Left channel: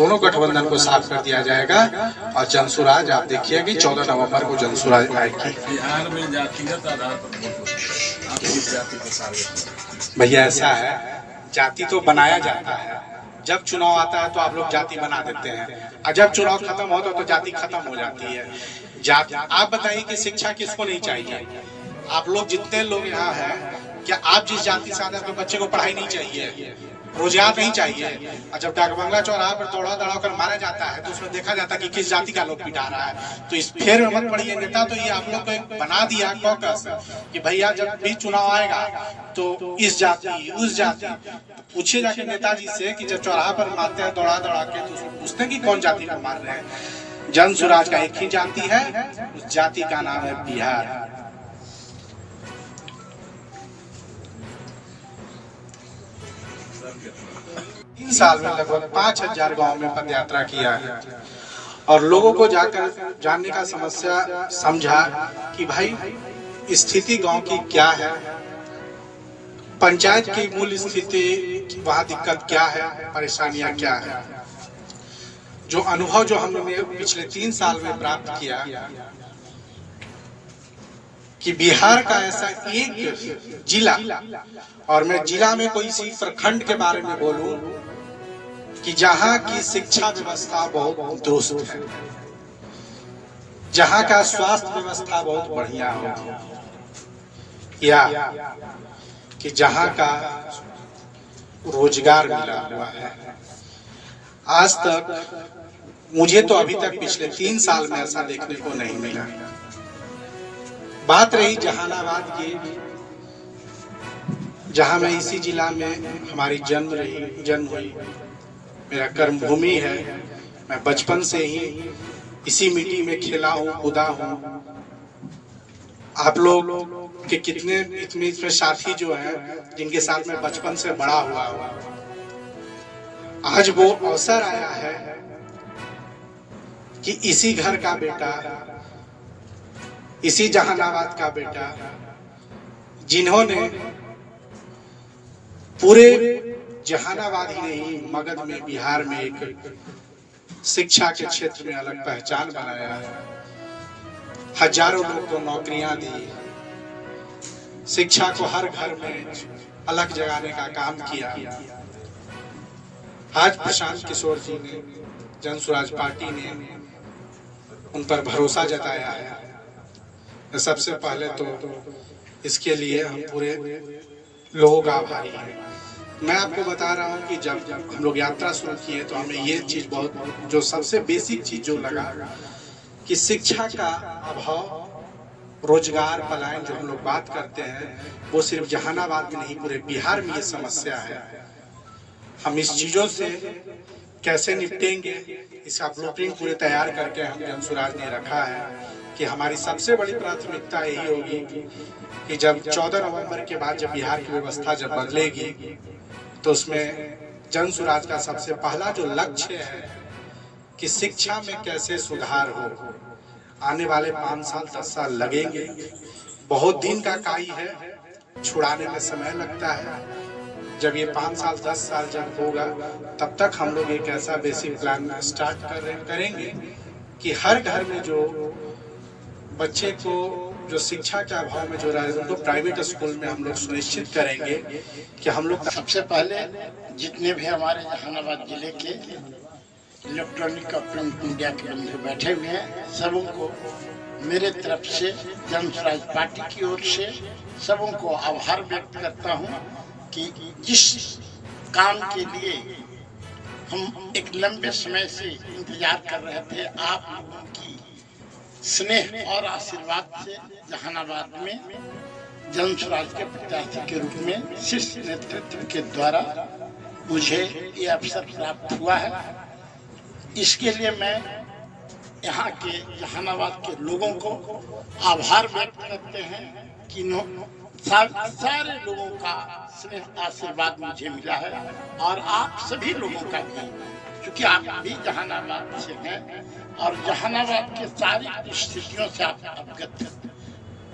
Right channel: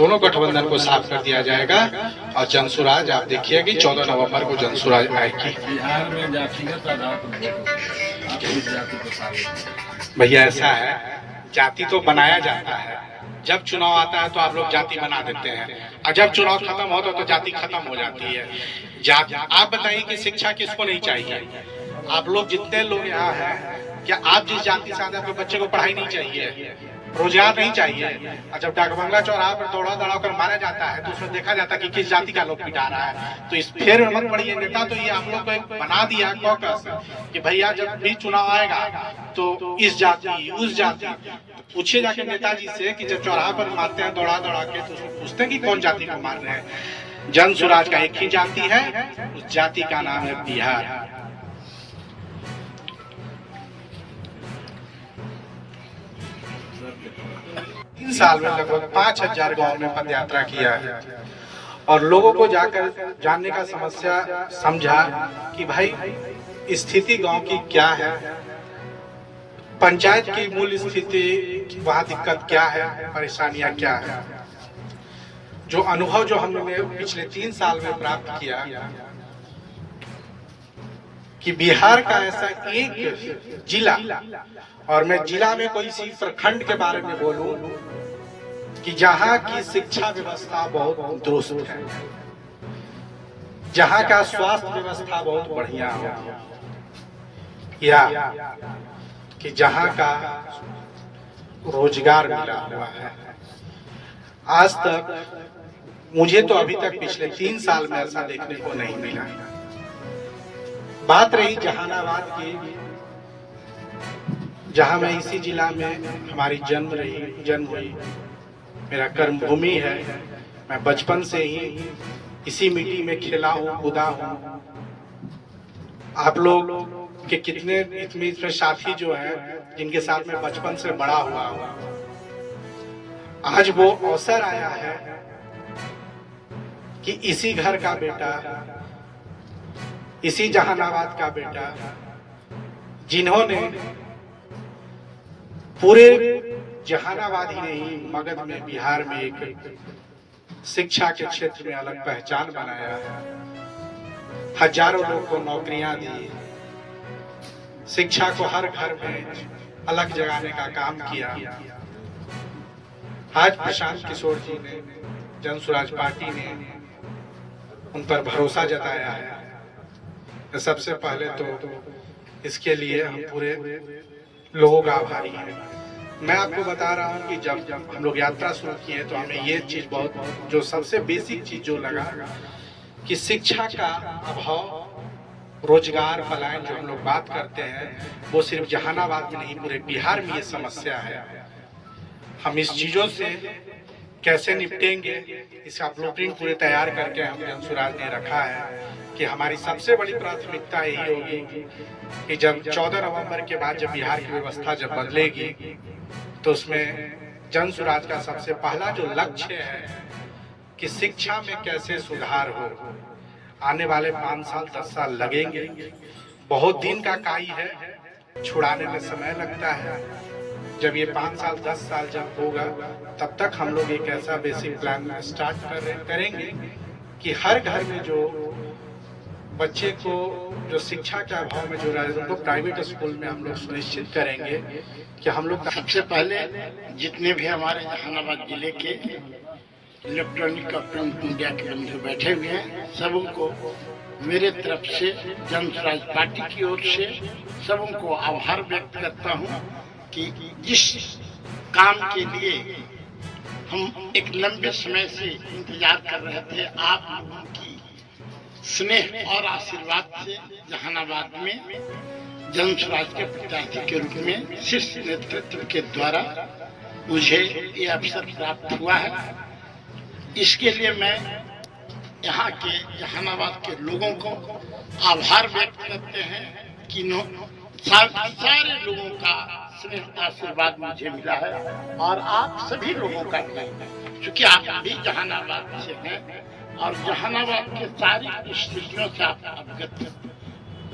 दोनों गठबंधन को साफ कर दिया जाएगा। और जनसुराज आप देखिए कि 14 नवंबर को जनसुराज आएगी। बिहार में जातिगत आधार पर वोट होता है, आप जाति को साबित। भैया ऐसा है, जाति तो बनाया जाता है, जब चुनाव आता है तो आप लोग जाति बना देते हैं, और जब चुनाव खत्म होता है तो जाति खत्म हो जाती है। जाति आप बताइए कि शिक्षा किसको नहीं चाहिए? आप लोग जितने लोग यहाँ हैं, क्या आप जिस जाति से आते हैं अपने बच्चे को पढ़ाई नहीं चाहिए, रोजगार नहीं चाहिए? और जब डाकबंगला चौराहा पर दौड़ा दौड़ा कर मारा जाता है तो उसमें देखा जाता है कि किस जाति का लोग पिटा रहा है। तो इस फेर में मत पड़िए नेता, तो ये आप लोग को एक बना दिया कॉकस कि भैया जब भी चुनाव आएगा तो इस जाति उस जाति। पूछिए जाके नेताजी से कि जब चौराहा पर मारते हैं दौड़ा दौड़ा के तो पूछते हैं कि कौन जाति को मार रहे हैं। जनसुराज का एक ही जाति है, उस जाति का नाम है बिहार। 3 साल में लगभग 5000 गांव में पद यात्रा किया और लोगों को जाकर जानने का समस्या समझा कि भाई स्थिति गांव की क्या है, पंचायत की मूल स्थिति, वहां दिक्कत क्या है, परेशानियां क्या है। जो अनुभव जो हमने पिछले 3 साल में प्राप्त किया कि बिहार का ऐसा एक जिला, और मैं जिला में कोई सी प्रखंड के बारे में बोलूं कि जहां की शिक्षा व्यवस्था बहुत दुरुस्त है, जहां का स्वास्थ्य व्यवस्था बहुत बढ़िया हो, या कि जहां का रोजगार मिला हुआ है। आज तक मुझे तो अभी तक पिछले 3 साल में ऐसा देखने को नहीं मिला। बात रही जहानाबाद की, जहां मैं इसी जिला में हमारी जन्म हुई, मेरा कर्म भूमि है, मैं बचपन से ही इसी मिट्टी में खेला हूँ, कूदा हूँ। आप लोग के कितने इसमें साथी जो हैं जिनके साथ मैं बचपन से बड़ा हुआ हूँ, आज वो अवसर आया है कि इसी घर का बेटा, इसी जहानाबाद का बेटा, जिन्होंने पूरे जहानाबाद ही नहीं मगध में, बिहार में एक शिक्षा के क्षेत्र में अलग पहचान बनाया, हजारों लोग को नौकरियां दी, शिक्षा को हर घर में अलग जगाने का काम किया। आज प्रशांत किशोर जी ने, जनसुराज पार्टी ने उन पर भरोसा जताया है। सबसे पहले तो इसके लिए हम पूरे लोगों का आभारी हैं। मैं आपको बता रहा हूं कि जब हम लोग यात्रा शुरू किए तो हमें ये चीज बहुत, जो सबसे बेसिक चीज जो लगा कि शिक्षा का अभाव, रोजगार पलायन जो हम लोग बात करते हैं, वो सिर्फ जहानाबाद में नहीं पूरे बिहार में ये समस्या है। हम इस चीजों से कैसे निपटेंगे, इसका ब्लूप्रिंट पूरे तैयार करके हम जनसुराज ने रखा है कि हमारी सबसे बड़ी प्राथमिकता यही होगी कि जब 14 नवंबर के बाद जब बिहार की व्यवस्था जब बदलेगी तो उसमें जनसुराज का सबसे पहला जो लक्ष्य है कि शिक्षा में कैसे सुधार हो। आने वाले 5 साल 10 साल लगेंगे, बहुत दिन का काई है, छुड़ाने में समय लगता है। जब ये 5 साल 10 साल जब होगा तब तक हम लोग एक ऐसा बेसिक प्लान स्टार्ट करेंगे कि हर घर में जो बच्चे को जो शिक्षा के अभाव में जो रह रहे उनको प्राइवेट स्कूल में हम लोग सुनिश्चित करेंगे कि हम लोग सबसे पहले जितने भी हमारे जहानाबाद जिले के इलेक्ट्रॉनिक और प्रिंट मीडिया के बंधु बैठे हुए हैं, सबों को मेरे तरफ से जनसुराज पार्टी की ओर से सबों को आभार व्यक्त करता हूं कि जिस काम के लिए हम एक लंबे समय से इंतजार कर रहे थे, आप लोगों की स्नेह और आशीर्वाद से जहानाबाद में जनसुराज के प्रत्याशी के रूप में शीर्ष नेतृत्व के द्वारा मुझे ये अवसर प्राप्त हुआ है। इसके लिए मैं यहाँ के जहानाबाद के लोगों को आभार व्यक्त करते हैं कि सारे लोगों का स्नेह आशीर्वाद मुझे मिला है, और आप सभी लोगों का भी, क्योंकि आप भी जहानाबाद से हैं और जहानाबाद के सारी परिस्थितियों से आप अवगत हैं।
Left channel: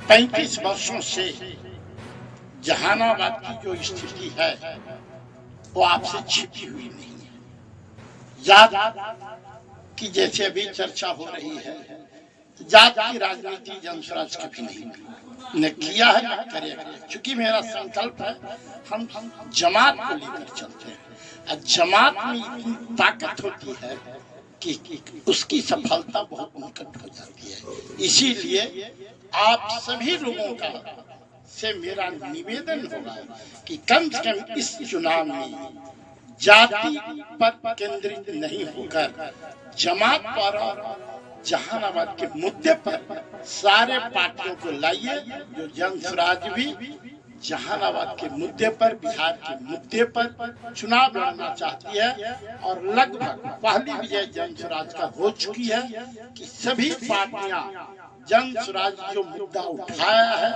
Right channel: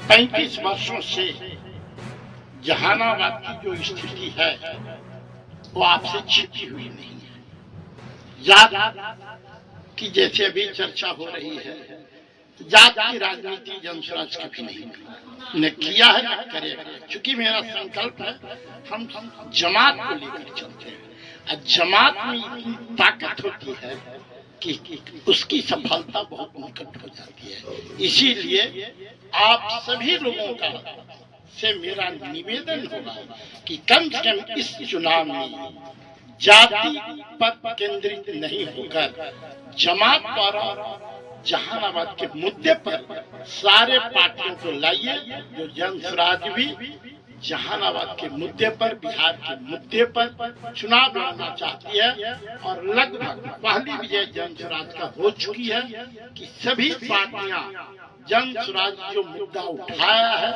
35 वर्षों से जहानाबाद की जो स्थिति है वो आपसे छिपी हुई नहीं है। जात की जैसे अभी चर्चा हो रही है, जात की राजनीति जनस्वराज कभी नहीं न किया है न करेगा। चूंकि मेरा संकल्प है हम जमात को लेकर चलते हैं, और जमात में इतनी ताकत होती है कि उसकी सफलता बहुत निकट हो जाती है। इसीलिए आप सभी लोगों का से मेरा निवेदन होगा कि कम से कम इस चुनाव में जाति पर केंद्रित नहीं होकर जमात पर जहानाबाद के मुद्दे पर सारे पार्टियों को लाइए। जो जनस्वराज भी जहानाबाद के मुद्दे पर, बिहार के मुद्दे पर चुनाव लड़ना चाहती है, और लगभग पहली विजय जनस्वराज का हो चुकी है कि सभी पार्टियां जनस्वराज जो मुद्दा उठाया है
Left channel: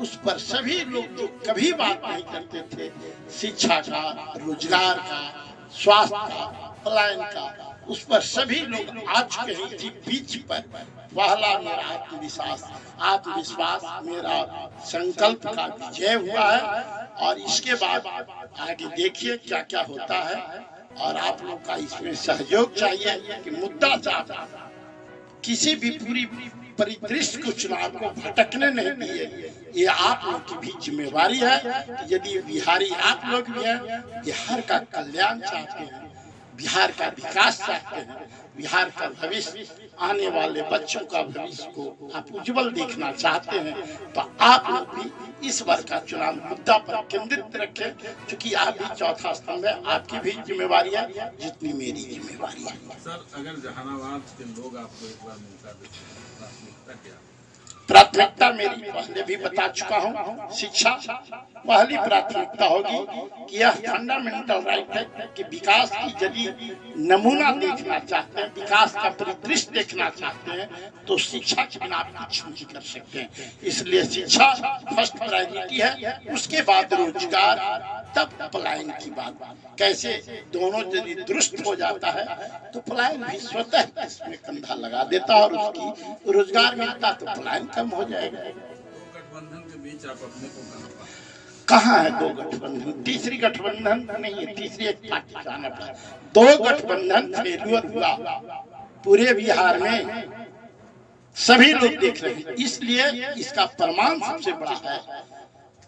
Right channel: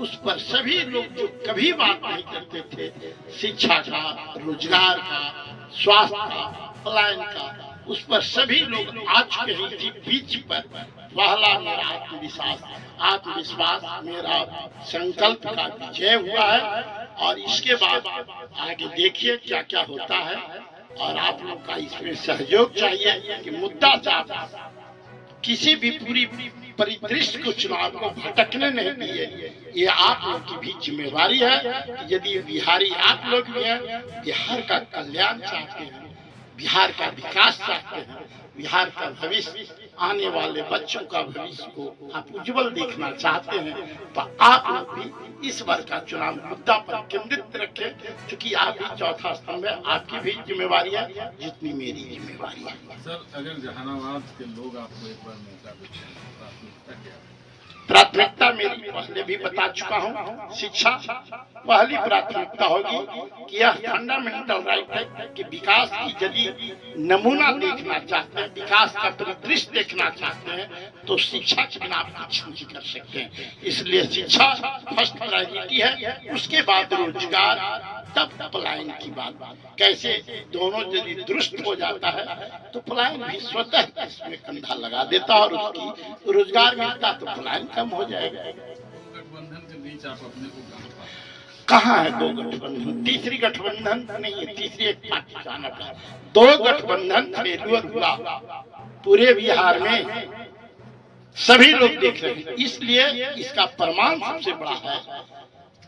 उस पर सभी लोग जो कभी बात नहीं करते थे, शिक्षा का, रोजगार का, स्वास्थ्य का, पलायन का, उस पर सभी लोग आ चुके हैं। इसी बीच पर पहला मेरा आत्मविश्वास मेरा संकल्प का विजय हुआ है, और इसके बाद आगे देखिए क्या क्या होता है। और आप लोग का इसमें सहयोग चाहिए कि मुद्दा साहब किसी भी पूरी परिदृश्य को, चुनाव को भटकने नहीं दिए। ये आप लोग की भी जिम्मेवारी है कि यदि बिहारी आप लोग भी हैं, बिहार का कल्याण चाहते हैं, बिहार का विकास चाहते हैं, बिहार का भविष्य, आने वाले बच्चों का भविष्य को आप उज्जवल देखना चाहते हैं, तो आप लोग भी इस बार का चुनाव मुद्दा पर केंद्रित रखें। क्योंकि आप भी चौथा स्तंभ है, आपकी भी जिम्मेवारी है जितनी मेरी जिम्मेवारी है। सर, अगर जहानाबाद के लोग आपको एक बार मौका देते हैं, प्राथमिकता क्या? प्राथमिकता मेरी पहले भी बता चुका हूँ, शिक्षा पहली प्राथमिकता होगी कि यह फंडामेंटल राइट है कि विकास की यदि नमूना देखना चाहते हैं, विकास का परिदृश्य देखना चाहते हैं, तो शिक्षा के बिना आप कुछ नहीं कर सकते हैं। इसलिए शिक्षा फर्स्ट प्रायोरिटी है, उसके बाद रोजगार, तब पलायन की बात। कैसे दोनों यदि दुरुस्त हो जाता है तो पलायन भी स्वतः इसमें कंधा लगा देता है, और उसकी रोजगार मिलता तो पलायन कम हो जाएगा। गठबंधन के बीच आप अपने को कहाँ है दो गठबंधन? तीसरी गठबंधन नहीं है, तीसरी एक पार्टी जाना पड़ा। दो गठबंधन फेल्यूर हुआ पूरे बिहार में, सभी लोग देख रहे हैं। इसलिए इसका प्रमाण सबसे बड़ा है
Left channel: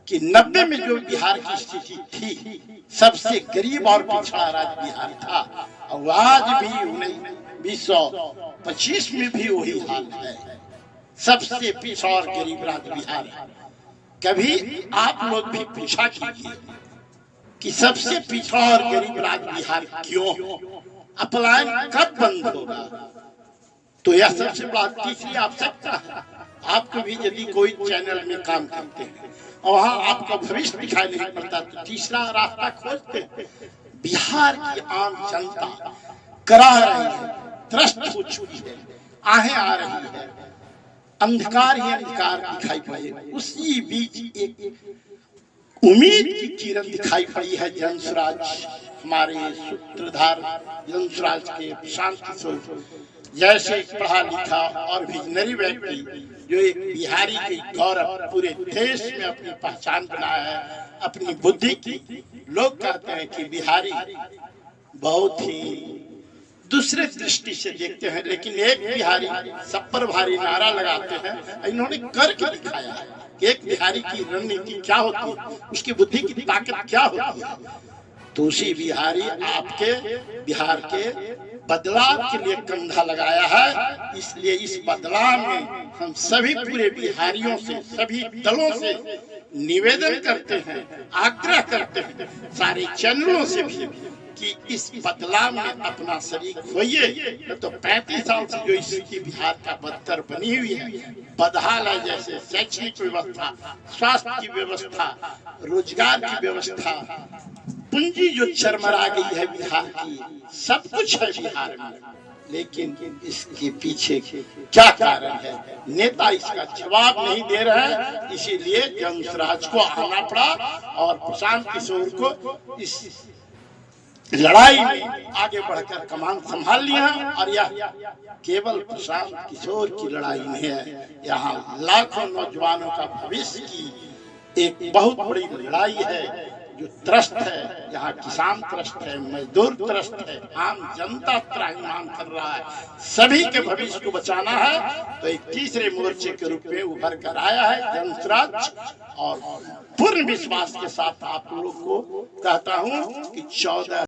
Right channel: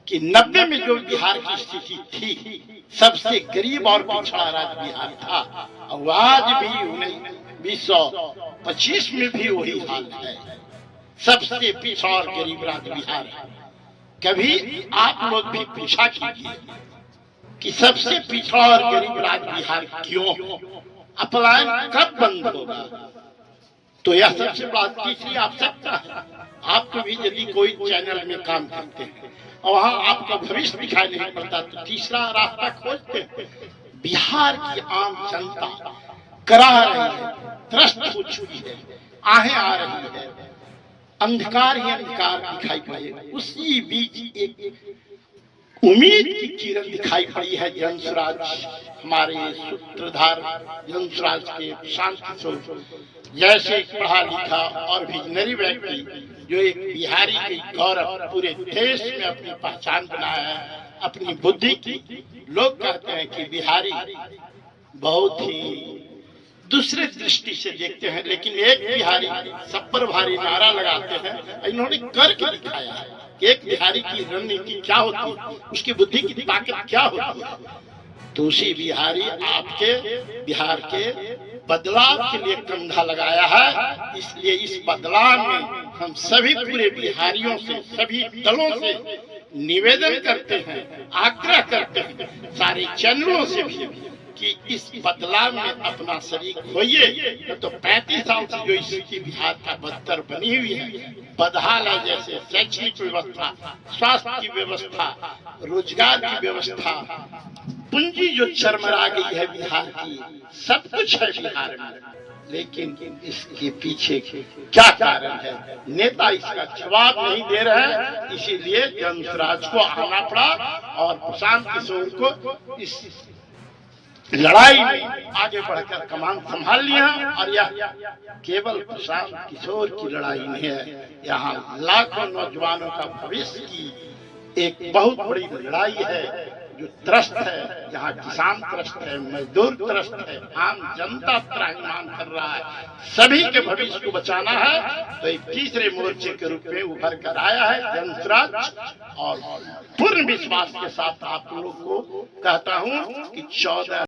कि 90 में जो बिहार की स्थिति थी, सबसे गरीब और पिछड़ा राज्य बिहार था, और आज भी 1925 में भी वही हाल है, सबसे पिछड़ा और गरीब राज्य बिहार है। कभी आप लोग भी पूछा कीजिए कि सबसे पिछड़ा और गरीब राज्य बिहार क्यों, पलायन कब बंद होगा? तो यह सबसे बड़ा तीसरी आवश्यकता है। आपको भी यदि कोई चैनल में काम करते हैं और वहाँ आपका भविष्य दिखाई नहीं पड़ता, तो तीसरा रास्ता खोजते हैं। बिहार की आम जनता कराह रही है, त्रस्त हो चुकी है, आहें आ रही है, अंधकार ही अंधकार दिखाई पड़े। उसी बीच एक उम्मीद की किरण दिखाई पड़ी है जनस्वराज, हमारे सूत्रधार जनस्वराज के शांति स्वरूप जैसे एक पढ़ा लिखा और विजनरी व्यक्ति जो एक बिहारी के गौरव पूरे देश में अपनी पहचान बनाया है, अपनी बुद्धि की। लोग कहते हैं कि बिहारी बहुत ही दूसरे दृष्टि से देखते हैं, लेकिन एक बिहारी सब पर भारी नारा लगाते हैं। इन्होंने करके दिखाया है कि एक बिहारी की रणनीति क्या होती है, उसकी बुद्धि की ताकत क्या होती है। तो उसी बिहारी आपके बिहार के बदलाव के लिए कंधा लगाया है। इसलिए इस बदलाव में हम सभी पूरे बिहारियों से, सभी दलों से निवेदन करते हैं, आग्रह करते हैं, सारे चैनलों से भी कि इस बदलाव में अपना शरीक होइए। तो 35 साल से जो स्थिति बिहार का बदतर बनी हुई है, बदहाल है, जैसे शैक्षणिक व्यवस्था, स्वास्थ्य की व्यवस्था, रोजगार की व्यवस्था, पूंजी जो चरमरा गई है बिहार की, सब कुछ है बिहार में, लेकिन इसके पीछे क्या कारण है, नेता इसका जवाब नहीं दे रहे हैं। इसीलिए जनस्वराज को आना पड़ा और प्रशांत किशोर को इस लड़ाई में आगे बढ़कर कमान संभाल लिया। और यह केवल प्रशांत किशोर की लड़ाई नहीं है, यहाँ लाखों नौजवानों का भविष्य की एक बहुत बड़ी लड़ाई है। जो त्रस्त है, जहाँ किसान त्रस्त है, मजदूर त्रस्त है, आम जनता त्राहिमाम कर रहा है, सभी के भविष्य को बचाना है, तो एक तीसरे मोर्चे के रूप में उभर कर आया है जन स्वराज। और पूर्ण विश्वास के साथ आप लोग को कहता हूँ कि 14